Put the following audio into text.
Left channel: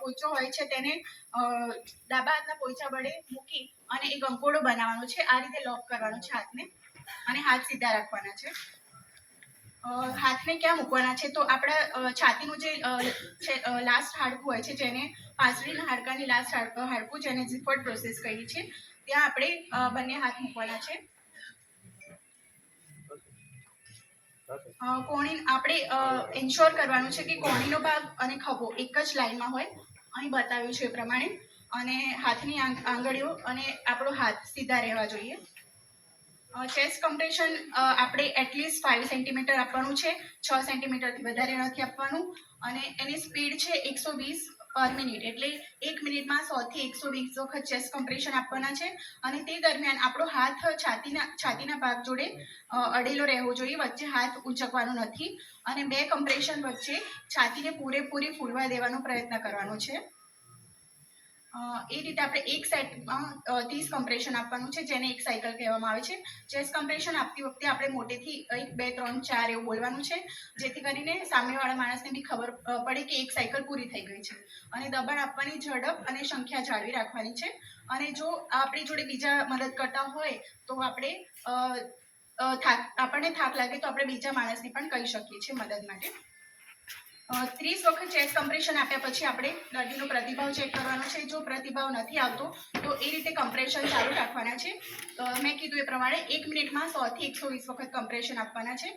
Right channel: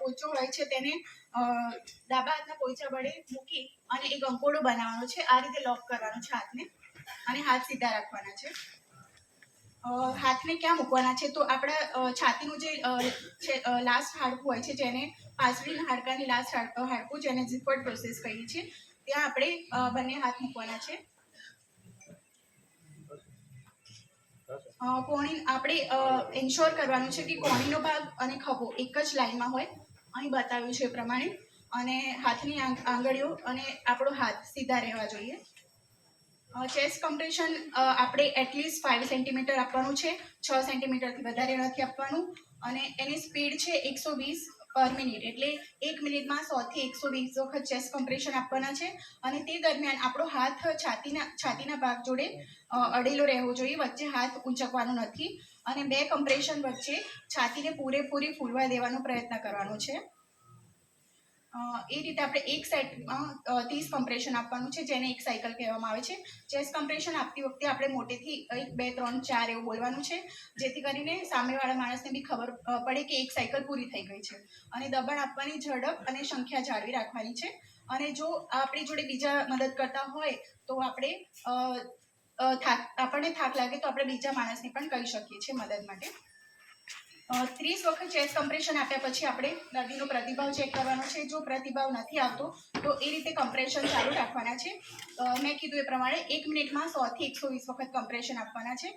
પોઈચો હોય છે તેને ડાબા હાથના પોઈચા વડે મૂકી અને એક અંકોડો બનાવવાનો છે. આ રીતે લોક કરવાનો છે હાથને અને હાથ સીધા રાખવાના છે. હાથને ક્યાં મૂકવાના છે તો આપણા છાતીનું જે લાસ્ટ હાડકું હોય છે, જેને પાછળના હાડકાની લાસ્ટ હાડકું જેને ઝીફર્ડ પ્રોસેસ કહી છે, ત્યાં આપણે બંને હાથ મૂકવાના છે. કોણી આપણે એન્શ્યોર કરવાનું છે કે કોણીનો ભાગ અને ખભો એક જ લાઈનમાં હોય, અહીં બતાવ્યું છે એ પ્રમાણે, અને હાથની આંગળીઓ અને આપણો હાથ સીધા રહેવા જોઈએ. ચેસ્ટ કમ્પ્રેશન આપણે એટલીસ્ટ 5 સેન્ટીમીટર આપવાનું છે, 6 સેન્ટીમીટરથી વધારે નથી આપવાનું, અને એની સ્પીડ છે 120 પર મિનિટ, એટલે 1 મિનિટમાં 100 થી 120 વખત ચેસ્ટ કમ્પ્રેશન આપવાના છે. અને તે દરમિયાન આપણો હાથ છાતીના ભાગ જોડે અડેલો રહેવો જોઈએ, વચ્ચે હાથ ઊંચકવાનો નથી, અને 2 કમ્પ્રેશન વચ્ચે છાતીને પૂરેપૂરી ફૂલવા દેવાનો પ્રયત્ન કરવાનો છે. એ રીતે આપણે એક સાઈડમાં 30 કમ્પ્રેશન આપવાનું છે, જેને એક સાયકલ કહેવામાં આવે છે. ચેસ્ટ કમ્પ્રેશન આપતી વખતે આપણે મોટેથી 1 2 3 4 એવું બોલવાનું છે, જેથી કરીને સામેવાળા માણસને બી ખબર પડે કે એક સાયકલ પૂરી થઈ ગઈ છે. અને દબાણ આપવાની ઝડપ અને સંખ્યા જાળવી રાખવાની છે. અને જો આપણી જોડે બીજા મદદ કરતા હોય તો આપણને થાક લાગે તો આપણે બીજા માણસને પણ કહી શકીએ છીએ મદદ માટે. 30 વખત ચેસ્ટ કમ્પ્રેશન આપ્યા પછી આપણે દર્દીનો પ્રતિભાવ ચેક કરવાનો છે. જો પ્રતિભાવ નથી આવતો તો એ રીતે કમ્પ્રેશન ચાલુ રાખવાના છે. મેં કીધું એ પ્રમાણે 1 મિનિટમાં 100 થી 120 વખત કમ્પ્રેશન આપવાના છે.